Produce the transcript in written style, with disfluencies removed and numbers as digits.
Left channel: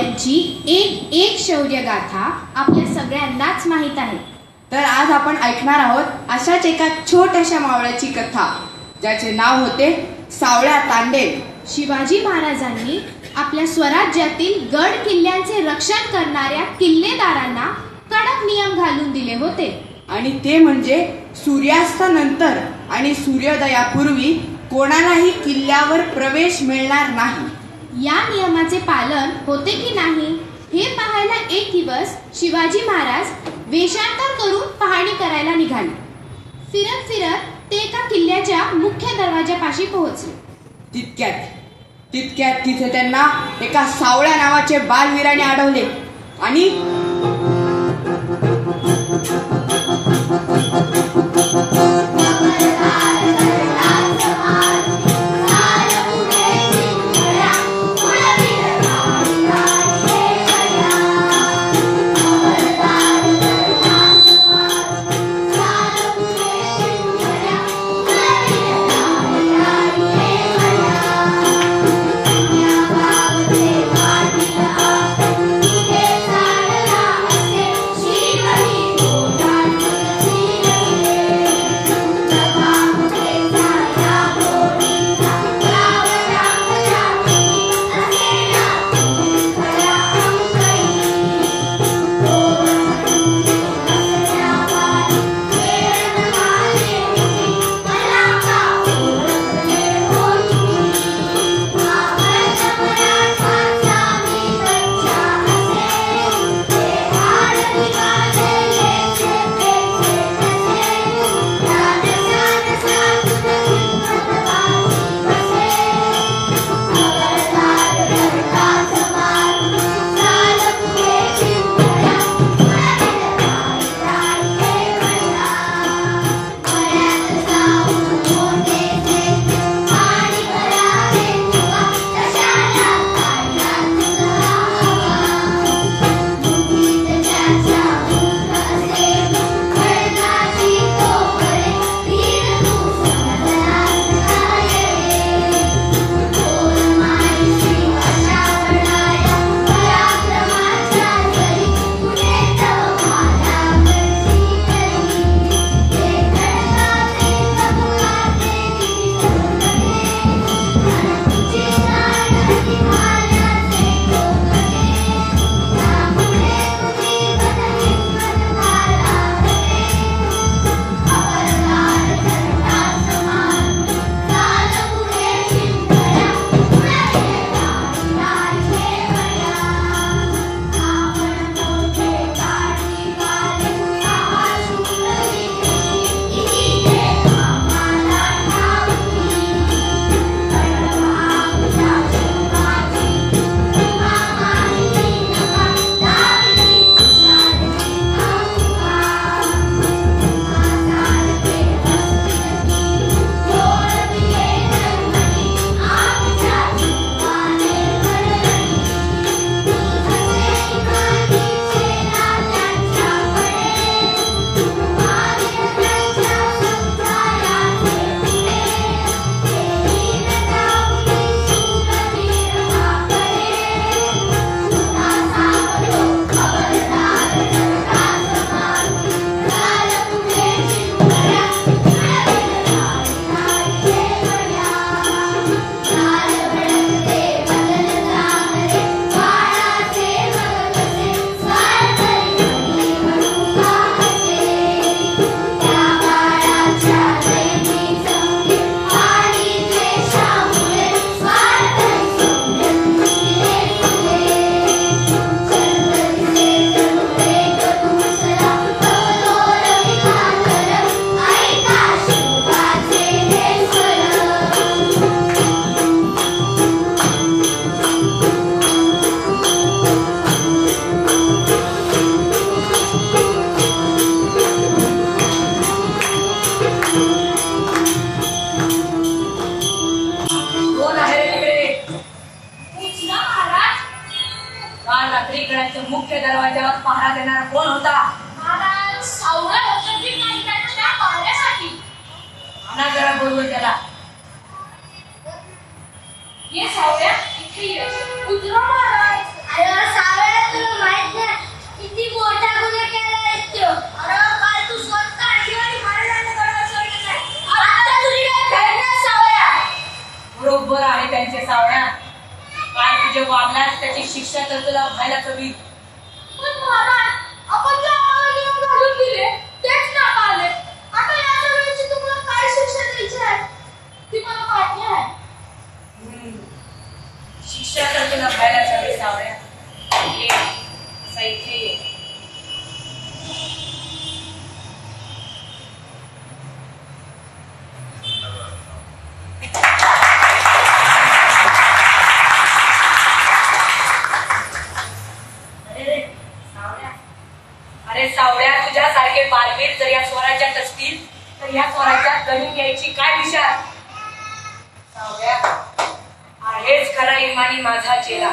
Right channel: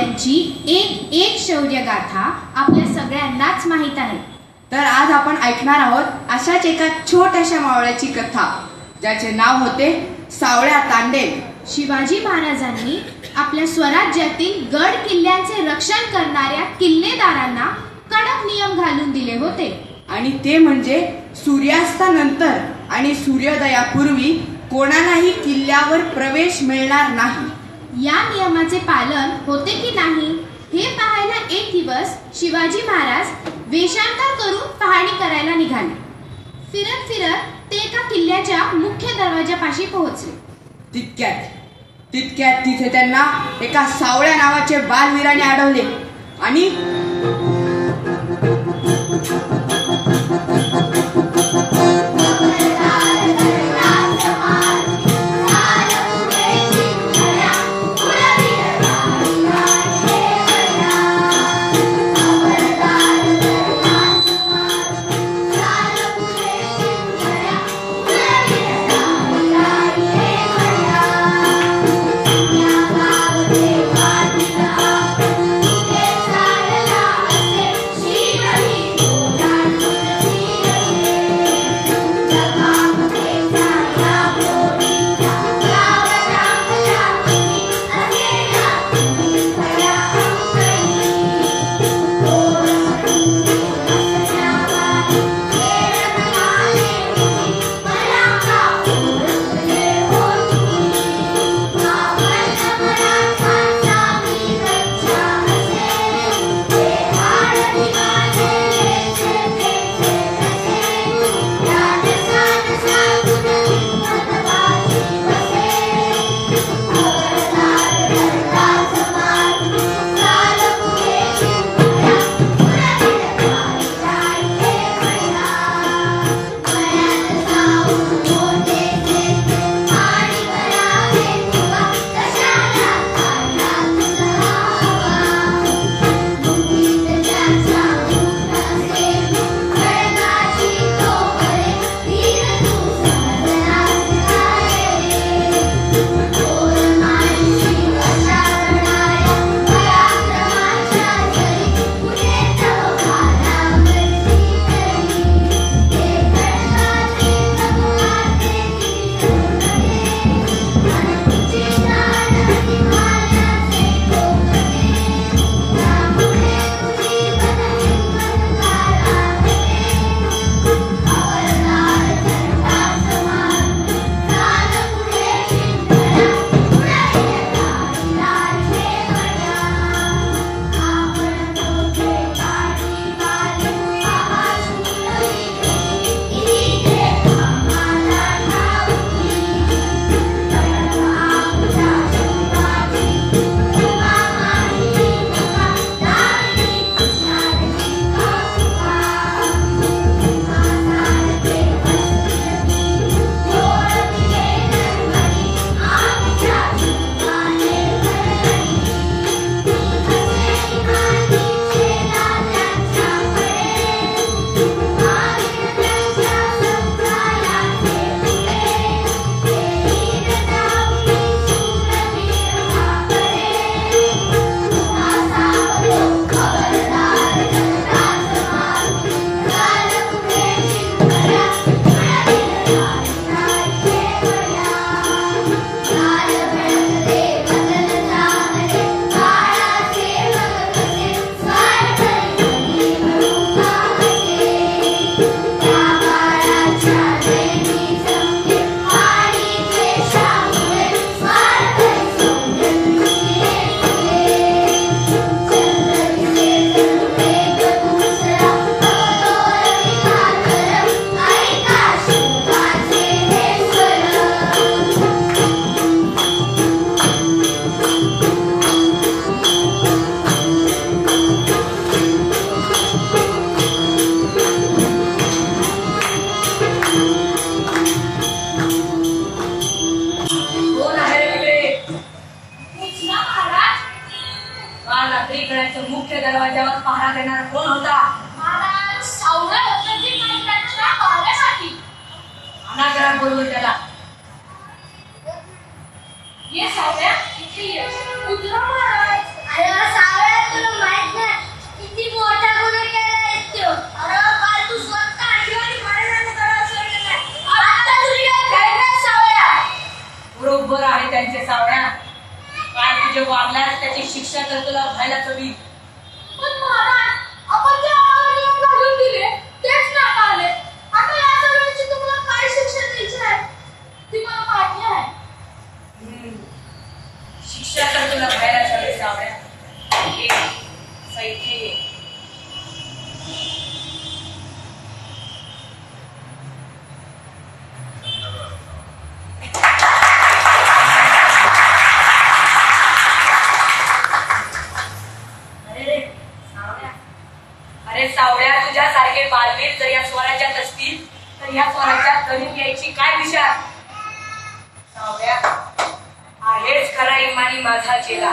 मावळ्यांची एक एक शौर्यगाथा आपल्या सगळ्यांनाच माहीत आहे. तर आज आपण ऐकणार आहोत अशाच एका छोट्याशा मावळ्याची कथा, ज्याचे नाव होते सावळ्या तांडेल. शिवाजी महाराजांनी आपल्या स्वराज्यातील गड किल्ल्यांचे रक्षण करणाऱ्या किल्लेदारांना कडक नियम घालून दिले होते. आणि ते म्हणजे सूर्यास्तानंतर आणि सूर्योदयापूर्वी कोणालाही किल्ल्यावर प्रवेश मिळणार नाही. या नियमाचे पालन होते की नाही हे पाहायला एक दिवस शिवाजी महाराज वेषांतर करून पाहणी करायला निघाले. फिरत फिरत ते एका किल्ल्याच्या मुख्य दरवाजापाशी पोहोचले. तितक्यात तिथे त्यांना एका सावळ्या नावाचे बालवीराने अडवले आणि मुख्य दरवाजावर पहारा देणारा कोण होता? महाराज सावळ्या होत्यांची नाही त्या पहाऱ्यासाठी. अनागरा बोलवून त्याला. ये सावळ्या इथे ये. उतरा महाराज. आहे त्यांचे सावळ्या. काय तुझे वागण्यास त्याची शिक्षा तर तुला व्हायलाच हवी. पण महाराज, आपण जे आवाज घालून दिले तेच नाका आले. आता या सगळ्याची तुम्हाला काय शिक्षा द्यायची आहे ती मला माहिती आहे. शिक्षा तर तुला व्हायलाच हवी सावळ्या. ये, इथे ये. अरे सावळ्या, तुझ्यासारखे बालवीर जर या स्वराज्यात असतील तर या स्वराज्यात जमीन घ्यायची काय विचार. सावळ्या, आहेच खरा इमानी माझा चेला.